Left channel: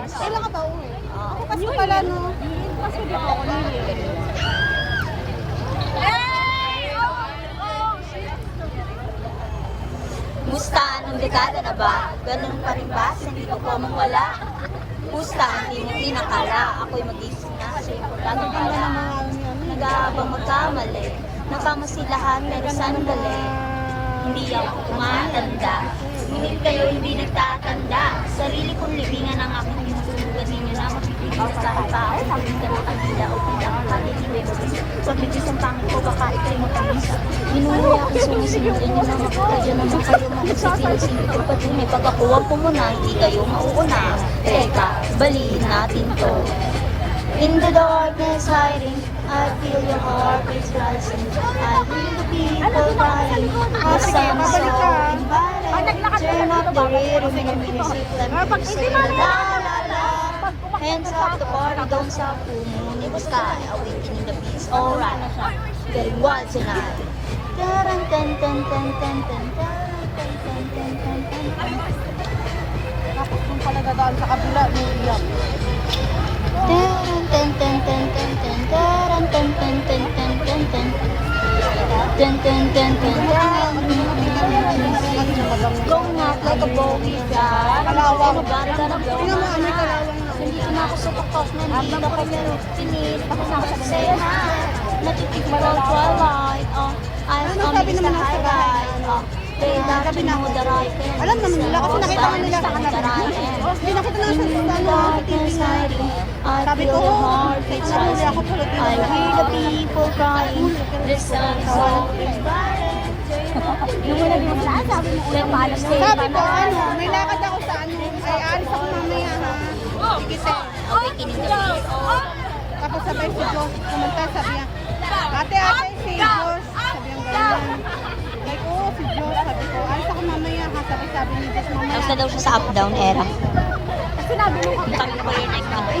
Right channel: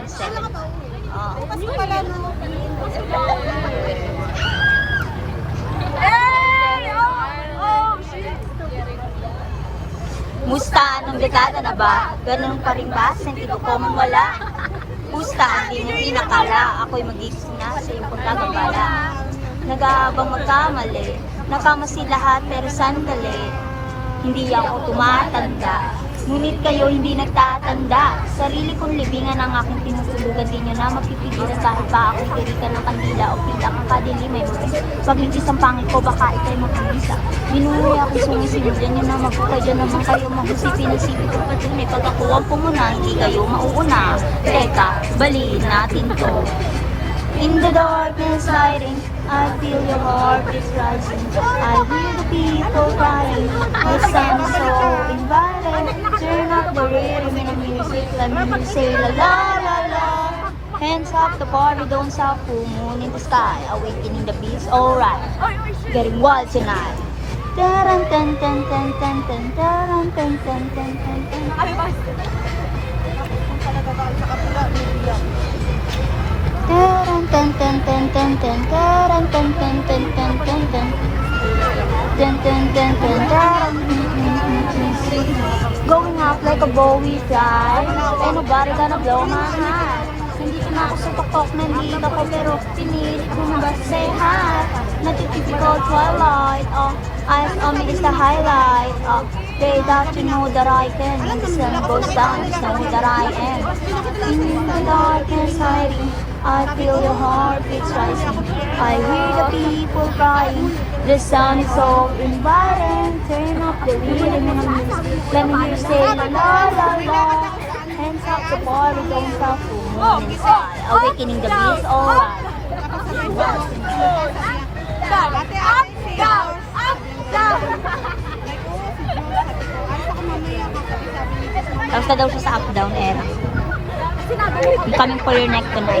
170. Oh. Musta? Anong dekada na ba? Ganun pa rin ba? Sentido ko mong wala? Musta? Hindi mo inakala. Ako'y magising na sa iyong pagkagambala. Nag-aabang magkamali. Nakamasi lahat pero sandali. Hindi ako tumatanda. Ngunit kayo hindi nagtatanda. Sarili kong libingan ang aking tinutulugan. Di nyo na mapipigilan kahit pa akong pilikan ng kandila o pila kang kadilimay. Pagligis ang pangit ko, baka ikay magpagisa. Ginuwi akong sungisimulan nyo na magkakayo naman kayo mahusay. Pinasipi kong patunay. Pag ako ang pumuna, hindi kayo mauuna. Teka, baliin natin to. In the darkness hiding, I feel your heart is rising. I hear the people crying. The sun is so inviting. Turn up the rhythm in the music. Let me say la la la la. Hands up the party, don't stop. Full moon in the sky, awakening the beast. Alright, getting wild tonight. Taran tan tan tan tan tan taran tan tan tan tan tan. Taran tan tan tan tan tan taran tan tan tan tan tan tan tan tan tan tan taran. Going up like a Bowie fly. Ain't nobody gonna blow my high. Nandito na ako sa tuktok, nandito ko pero pinilit mo na ba say hi. Natitypical twilight, oh, eyes on me is the highlight, oh. They got to know that I can. The sun goes down, just know that I am. In the darkness hiding, I feel your heart beats rising. I hear the people crying. The sun is so inviting. Turn up the rhythm and the music. Let me hear you say la la la la. Hands up the party, don't stop. Awakening the beast, alright. Ate, si Diyos. Tapos na daw siya sa up-down era. Coming for your neck tonight.